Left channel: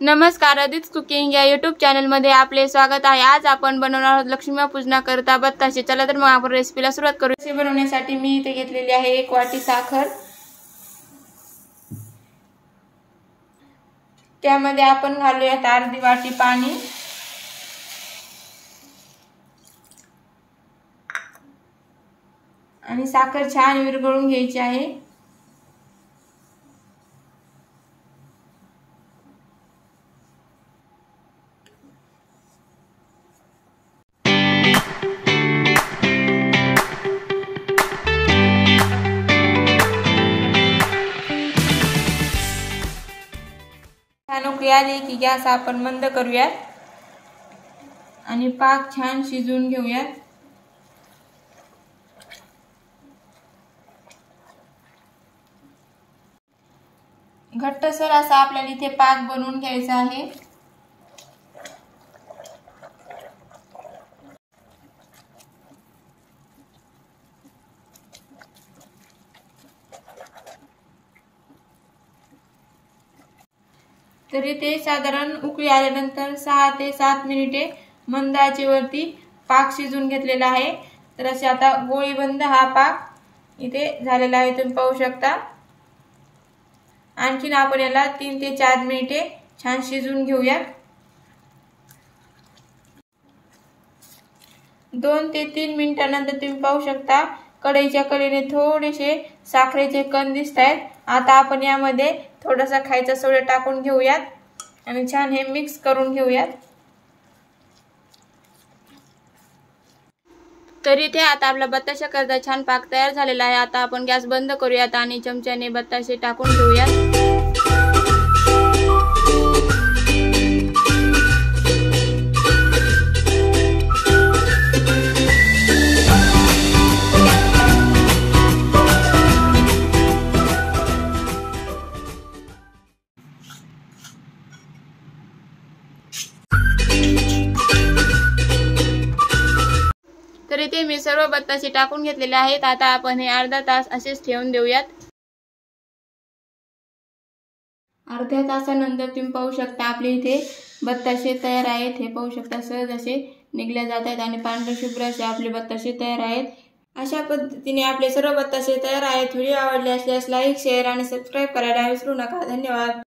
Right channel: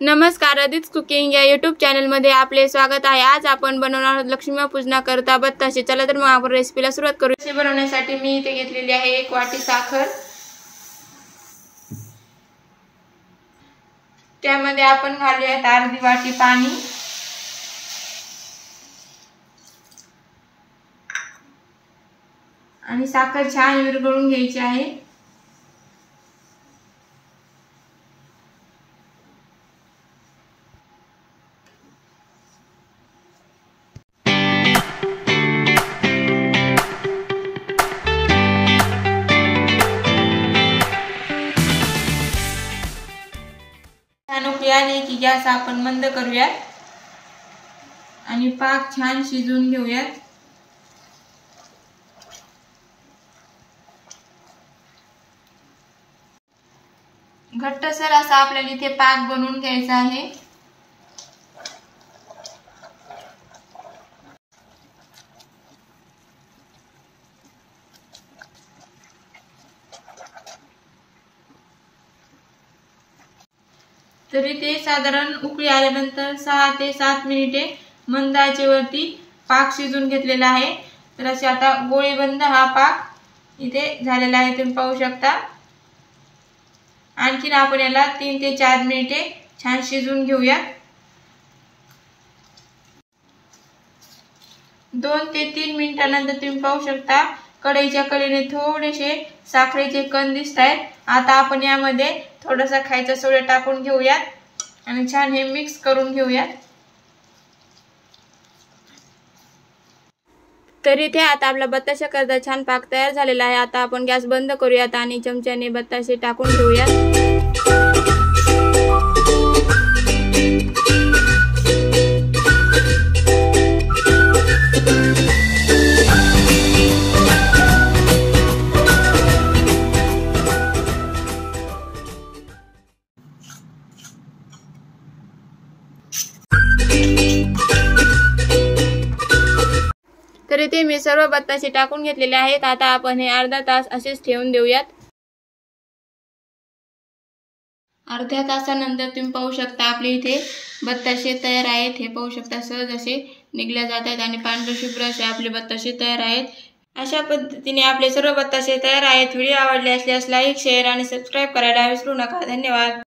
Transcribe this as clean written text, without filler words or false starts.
नमस्कार, अदित कुकिंग या यूट्यूब चॅनलमध्ये आपले स्वागत आहे। आज आपण बनवणार आहोत लक्ष्मीपूजनाकरता बत्ताशे। चला तर मग आपण रेसिपीला सुरुवात करू। हे बनवण्यासाठी मी इथे घेतलेली आहे 1 वाटी साखर। त्यामध्ये आपण घालूयात अर्धी वाटी पाणी आणि साखर छान विरघळून घ्यायची आहे। उकळी आली की गॅस आपण बंद करूयात आणि पाक छान शिजवून घेऊयात। घट्टसर असा आपल्याला इथे पाक बनवून घ्यायचा आहे। तरी ते साधारण उकळी आल्यानंतर 6 ते 7 मिनिटे मंद आचेवरती पाक शिजवून घेतलेला आहे। तर असे आता गोळीबंद हा पाक इथे झालेला आहे, तुम्ही पाहू शकता। आणखीन आपण याला 3 ते 4 मिनिटे छान शिजवून घेऊया। 2 ते 3 मिनिटांनंतर तुम्ही पाहू शकता कढईच्या कडेने थोडेसे साखरेचे कण दिसतायत। आता आपण यामध्ये थोडासा खायचा सोडा टाकून घेऊयात आणि छान हे मिक्स करून घेऊयात। तर इथे आता आपला बत्ताशे करता छान पाक तयार झालेला आहे। आता आपण गॅस बंद करूयात आणि चमच्याने बत्ताशे टाकून घेऊयात। तर इथे मी सर्व बत्ताशे टाकून घेतलेले आहेत। आता आपण हे अर्धा तास असेच ठेवून देऊयात। अर्ध्या तासानंतर तुम्ही पाहू शकता आपले इथे बत्ताशे तयार आहेत। हे पाहू शकता सहज असे निघल्या जात आहेत आणि पांढरे शुभ्र असे आपले बत्ताशे तयार आहेत। अशा पद्धतीने आपले सर्व बत्ताशे तयार आहेत। व्हिडिओ आवडले असल्यास लाईक, शेअर आणि सबस्क्राइब करायला विसरू नका। धन्यवाद।